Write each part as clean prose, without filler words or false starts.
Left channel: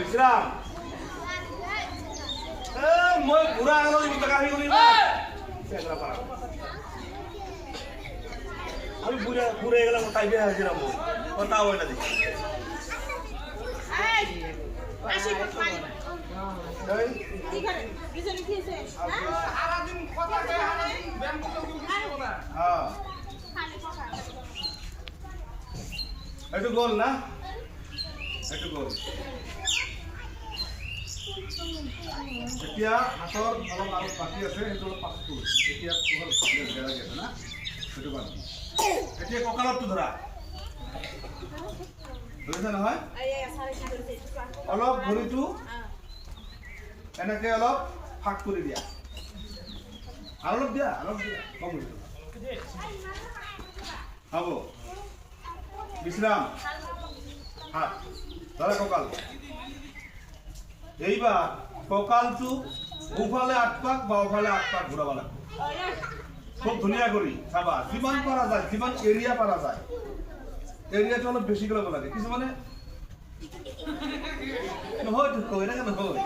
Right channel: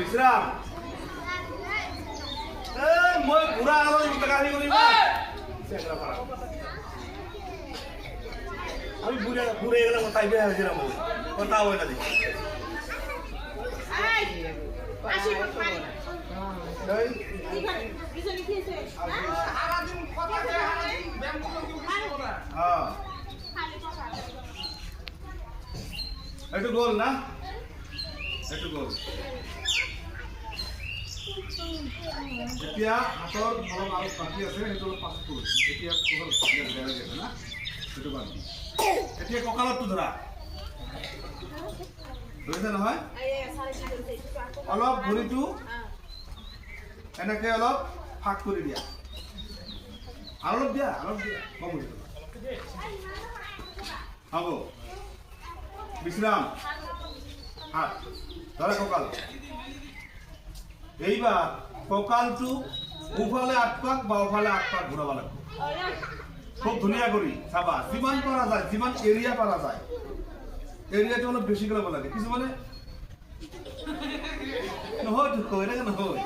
বিশ্রাম মই ঘুরা আমার গাড়ি উড়ি আমি ঘুরে ঘুরে গেলাম তাই বের হয়েছিলাম কথা হয় না দেখি একটু গোল না একটু গোল এতিয়া হাতৰ অলপ আৰু বাকী আছে সেইটো পাছ কৰি এতিয়া পুনৰ দেখা যায় না সেইটো বাদ এতিয়া কঁকালটো ধৰা বুজিছে নহয় অলপ ভৰিটো এনেকে অলপ ফাক কৰি দিয়া আৰু অলপ দিয়া কম হ'ব বিশ্রাম হাত ধরে কঁকাল এইবার কঁকালটো সোঁফালে ৮ পাক বাওঁফালে ৮ পাক ঘূৰাব লাগিব খুব ধুনীয়া কৰি চাবা যিমান পৰা যায় যিমান এৰিয়া পৰা যায় এৰিয়াটো অলপ বেছি কৰিব লাগে কিছুমানে নহয় কৈ থাকে নহয়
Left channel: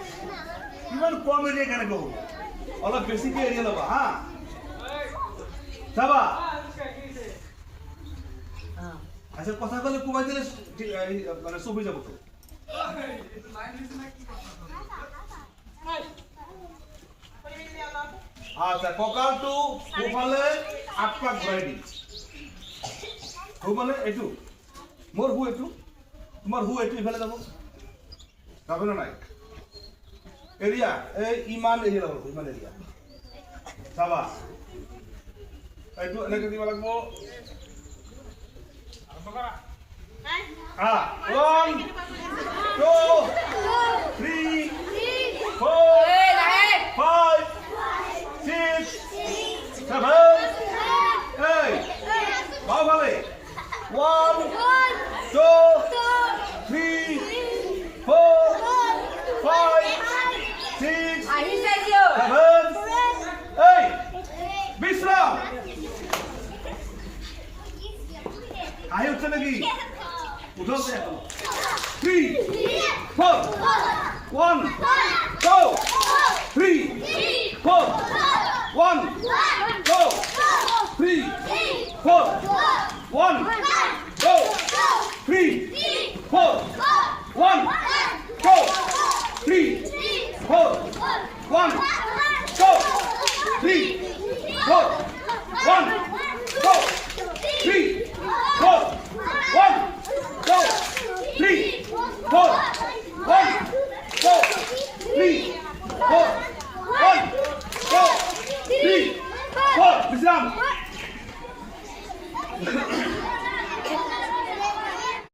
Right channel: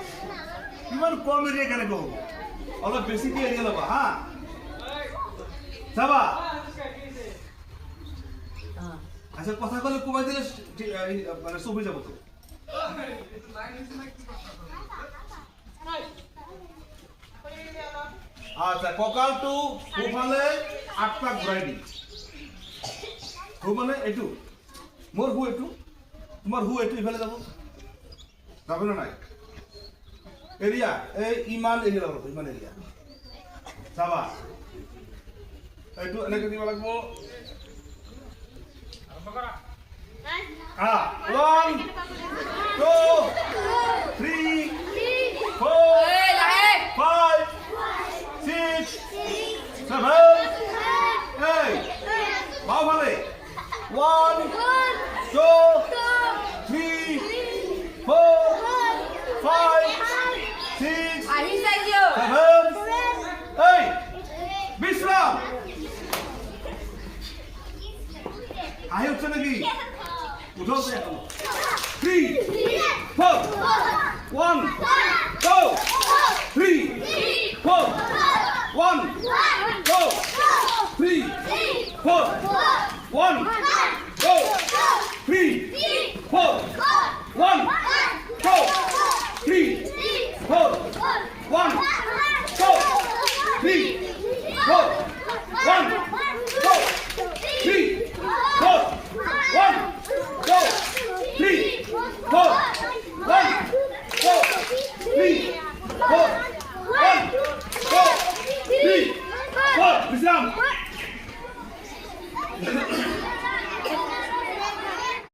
ইমান কম এৰিয়া কেনেকৈ হ'ব অলপ বেছিকৈ এৰিয়া ল'বা হা চাবা আচ্ছা কথা কলে কমাই দিলে মানে চুপ হয়ে যাব তো আচ্ছা কঁকালটো সোঁফালে ৮ পাক ঘূৰাই দিম মানে এইটো মোৰ হু এইটো তোমাৰ হু এইটো ইফালে যাব নে নাই এৰিয়া এই ইমান এৰিয়া যাব ইমান এৰিয়া চাবা এইটো এনেকৈ দিব লাগিব Ah, 1, 2, 3, 4, 5, 6, 7, 8. How many? 1, 2, 3, 4, 5, 6, 7, 8. Bisram. I উঠছে নাকি উঠো 3 4 1 2 3 4 1 2 3 4 1 2 3 4 1 2 3 4 1 2 3 4 1 2 3 4 1 2 3 4 1 2 3 4 1 2 3 4 Bisram